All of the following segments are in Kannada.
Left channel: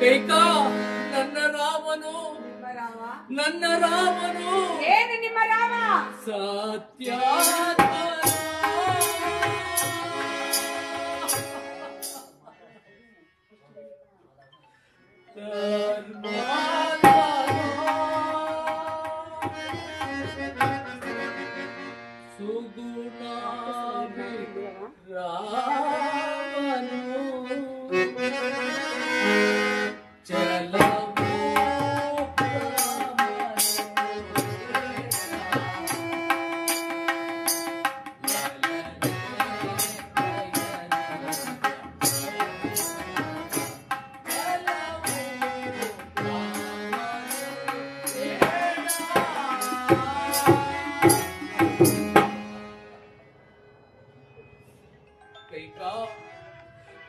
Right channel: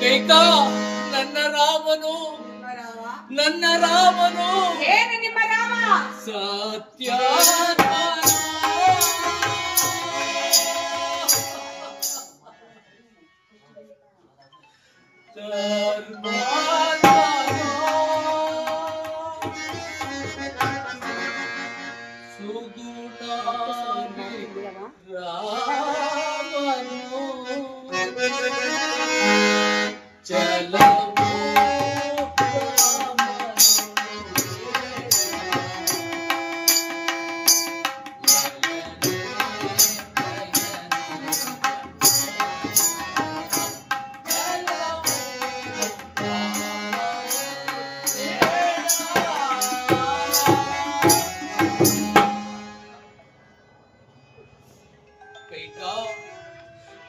ಕೈಕಾ ನನ್ನ ರಾಮನು ನನ್ನ ರಾಮನು ಏನು ನಿಮ್ಮ ರಾಮ ಸತ್ಯಾತ್ಮನು ಸುಗುಣಾಮಿ ರಾಮನು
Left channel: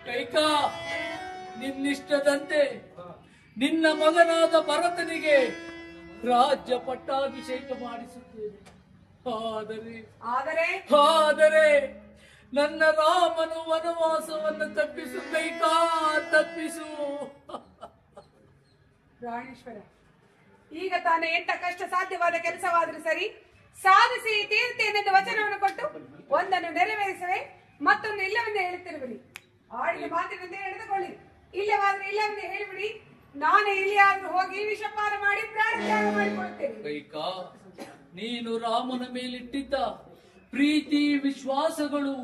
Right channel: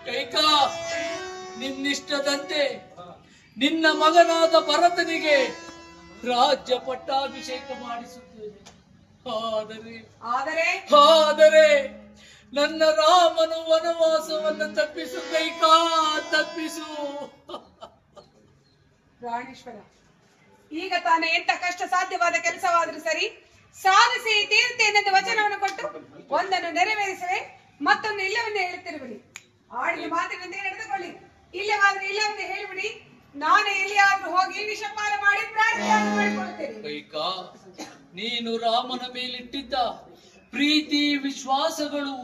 ಕೈಕಾ ನಿನ್ನಿಷ್ಟದಂತೆ ನಿನ್ನ ಮಗನಾದ ಭರತನಿಗೆ ರಾಜ್ಯ ಪಟ್ಟಾಭಿಷೇಕ ಮಾಡಿಸುತ್ತೇನೆ. ಆದರೆ ನನ್ನ ರಾಮನು ವನವಾಸವನ್ನು ತಪ್ಪಿಸು ಕೈಕಾ, ತಪ್ಪಿಸು. ಪ್ರಾಣೇಶ್ವರ, ಈಗ ತಾನೇ ಎಂತ ಕಷ್ಟ ಸಾಧ್ಯವಾದ ಕೆಲಸವಾದರೂ ಸರಿ ಸಾಧಿಸಿ ತೀರ್ತೇನೆಂದು ವಚನವನ್ನು ಕೊಟ್ಟು ಒಂದನ್ನು ನೆರವೇರಿಸುವೆ, ಮತ್ತೊಂದು ಇಲ್ಲವೆಂದು ಹೇಳುತ್ತಿರುವಿರಿ. ಆಡಿದ ಮಾತಿನಂತೆ ನಡೆದುಕೊಳ್ಳಿ. ಇಲ್ಲವೆಂದು ಹೇಳಿಬಿಡಿ. ನಾನೇ ಎಲ್ಲಿಯಾದ್ರೂ ಹೋಗಿ ವಿಷಪಾನ ಮಾಡಿ ಪ್ರಾಣತ್ಯಾಗ ಮಾಡಿಕೊಳ್ಳುತ್ತೇನೆ. ಕೈಕಾ, ನೀನು ರಾಮನ ಮೇಲಿಟ್ಟಿದ್ದ ಪ್ರೀತಿ ವಿಶ್ವಾಸಗಳು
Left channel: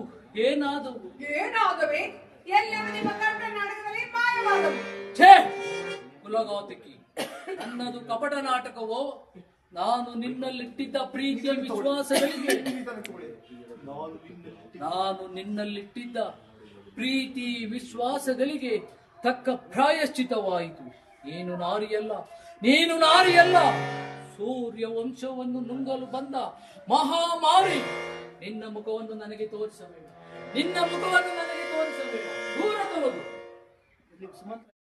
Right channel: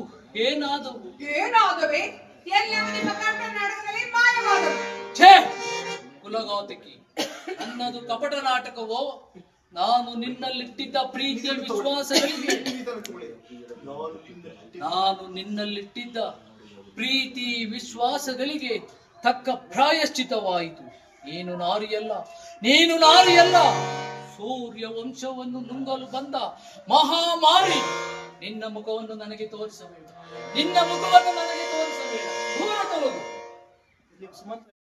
ಏನಾದವೆ? ಎಲ್ಲವೂ ನಿಮ್ಮ ಕರ್ನಾಟಕದಲ್ಲಿ ಮಾಯವಾದವು. ಛೇ ಕುಲಘಾತಕಿ, ನನ್ನದು ಕಪಟ ನಾಟಕವೋ? ನಾನು ನಿನ್ನಲ್ಲಿಟ್ಟಿದ್ದ ಪ್ರೀತಿ ವಿಶ್ವಾಸಗಳಿಗೆ ತಕ್ಕ ಪ್ರಾಯಶ್ಚಿತವಾಯಿತು. ನೀನು ನಾರಿಯಲ್ಲ, ಸೂರ್ಯ ವಂಶವನ್ನು ನುಂಗಲು ಬಂದ ಮಹಾಮಾರಿ. ನಿನ್ನ ಮುಖವನ್ನು ನನಗೆ ತೋರಿಸಬೇಡ, ದೂರ ಹೋಗು.